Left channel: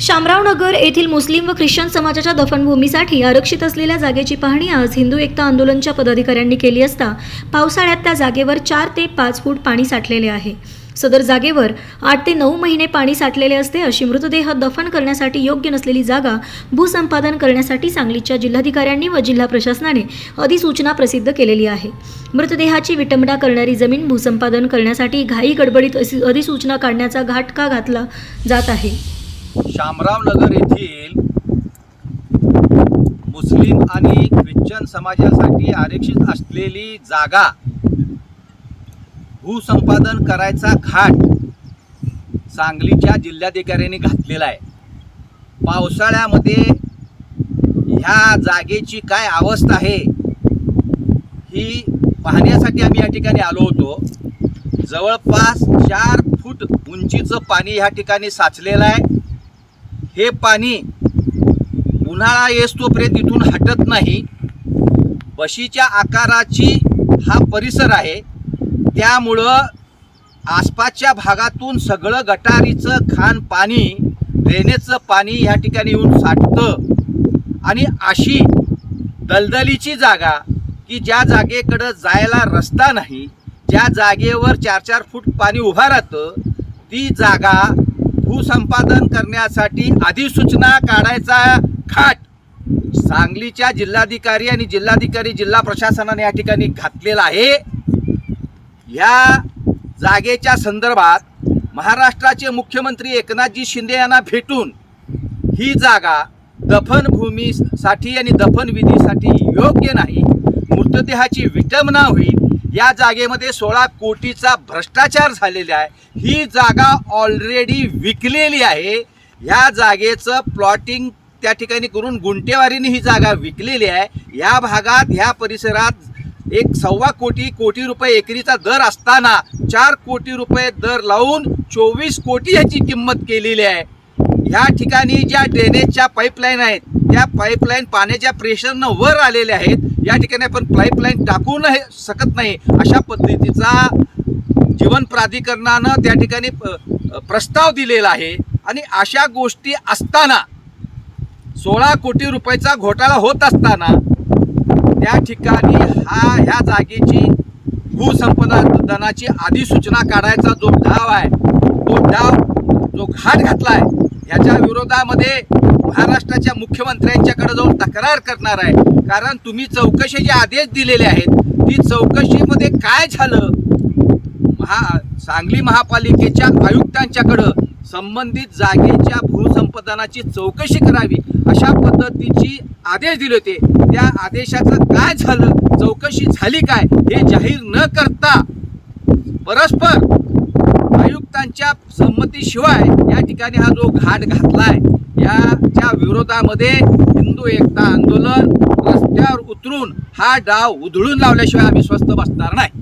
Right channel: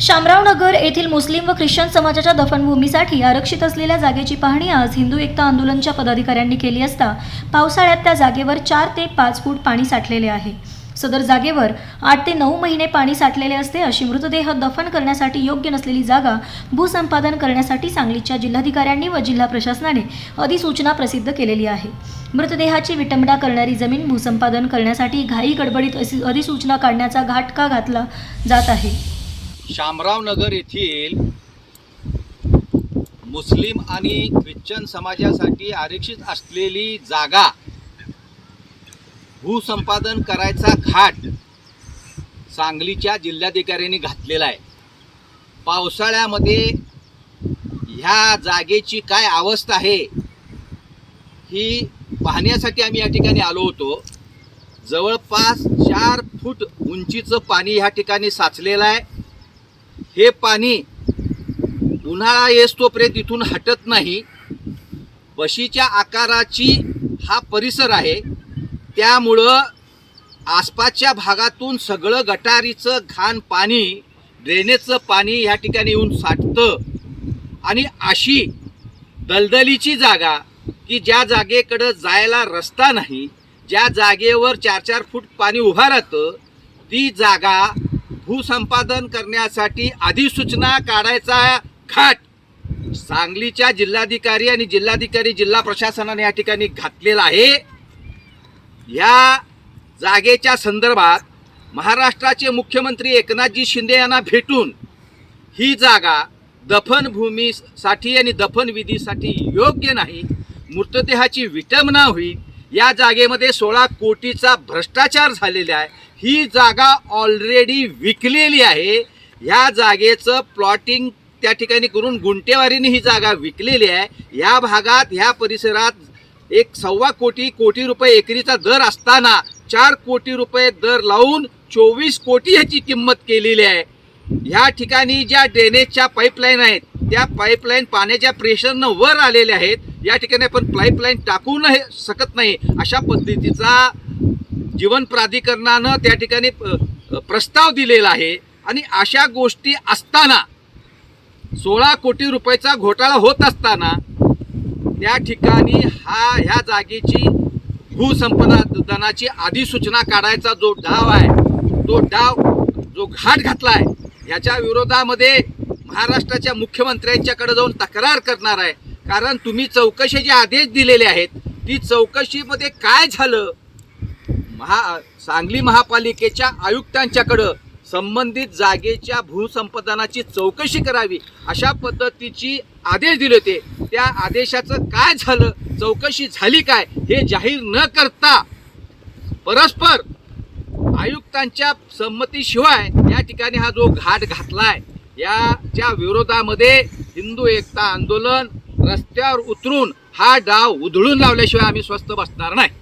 शामराव नगर येथील मुस्लिम व ख्रिश्चन समाजाच्या दफनभूमीसाठी आरक्षित असलेल्या जागेची पाहणी आज हिंदू एकता आंदोलनच्या पदाधिकाऱ्यांनी केली असता पावसाळ्यात त्या जागेवर चार ते पाच फूट पाणी साठलेले आहे. सदर जागेवर आठ ते नऊ महिने पाणी साठलेले असते अशी मृतदेह दफन करण्यासाठी योग्य नसलेली जागा भूसंपादन करण्यासाठी सांगलीच्या जिल्हाधिकाऱ्यांनी व जिल्हा प्रशासनाने अधिसूचना प्रसिद्ध केलेली आहे. मृतदेहाची विटंबना करणारी जमीन भूसंपादन करण्यासाठी घाई गडबडीत अधिसूचना काढण्याचा घाटका घातला जात आहे. शामराव नगर येथील मुस्लिम आणि ख्रिश्चन समाजासाठी आरक्षित असलेली जागा भूसंपादन करायचा घाट सांगलीच्या जिल्हाधिकाऱ्यांनी घातलेला आहे. पावसाळ्यामध्ये ह्या जागेची काय अवस्था आहे ही पाहण्यासाठी आम्ही या ठिकाणी आलो होतो. जवळपास चार फूट उंचीचं पाणी ह्या ठिकाणी साचलेलं आहे. हे पाणी उन्हाळा येस तोपर्यंत इथून हटत नाही. बशीच्या आकाराची हा परिसर आहे. त्यामुळं आसपासच्या भागातून सगळं गटारीचं खाण पाणी ड्रेनेजचं पाणी ह्या ठिकाणी येऊन साठतं. आणि अशी दलदलीची जागा की ज्या जागेकडं जायला रस्ता नाही ज्या जागेवर चार चार फूट पाणी उभा राहतं ती जागा भूसंपादन करण्यासाठी अधिसूचना काढायचा खाट सांगलीच्या जिल्हाधिकारी आणि जिल्हाधिकारी जिल्हा प्रशासनाने या ठिकाणी घातलेला आहे. या जागेच्या संदर्भात महाराष्ट्राचे मुख्यमंत्री एकनाथजी शिंदे यांना भेटून ही जागा दफनभूमीसाठी आणि दफनविधीसाठी योग्य नाही मृतदेहाची विटंबना होईल या जागेमध्ये सोळा कोटीचा भ्रष्टाचार झालेला आहे. ही जागा ऑलरेडी विकलेली आहे. या जागेचं प्लॉटिंग त्या ठिकाणी करून गुंटेवारीने ही जागा विकलेली आहे. या भागात ह्या परिसरात एक सव्वा कोटी कोटी रुपये एकरीचा दर असताना चार कोटी रुपये दर लावून चोवीस कोटी ह्याची किंमत केलेली आहे. ह्या ठिकाणी ज्या ड्रेनेजच्या पाईपलाईन आहेत त्या पाईपलाईन पाण्याच्या प्रेशरनं वर आलेल्या आहेत या ठिकाणी आपण पाईपलाईन टाकू नाही शकत नाही. अशा पद्धतीचा जीवन प्राधिकरणानं त्या ठिकाणी प- प्रस्ताव दिलेला आहे. आणि अशा गोष्टी असताना सोळा कोटी रुपयाचा घोटाळा होत असताना त्या ठिकाणी हा ह्या जागेची भूसंपादनाची अधिसूचना काढायचा जो डाव आहे तो डाव जो घाट घातला आहे याच्या विरोधामध्ये महाराष्ट्राच्या मुख्यमंत्र्यांच्याकडे जाऊन तक्रार करणार आहे. कारण तुम्ही चौकशीचे आदेश दिलेले आहेत ती चौकशीमध्ये काय झालं? महा सांगली महापालिकेच्या आयुक्तांच्याकडं संबंधित जागेच्या भूसंपादनाची चौकशी करावी अशा पद्धतीची आदेश दिले होते. त्या आदेशाचं काय झालं? चौकशी झाली काय? हे जाहीर न करता परस्पर आयुक्तांच्या संमतीशिवाय या ठिकाणी हा जो घाट घातलाय याच्या विरोधामध्ये हिंदू एकता आंदोलन रस्त्यावर उतरून हा डाव उधळून लावल्याशिवाय आम्ही स्वस्थ बसणार नाही.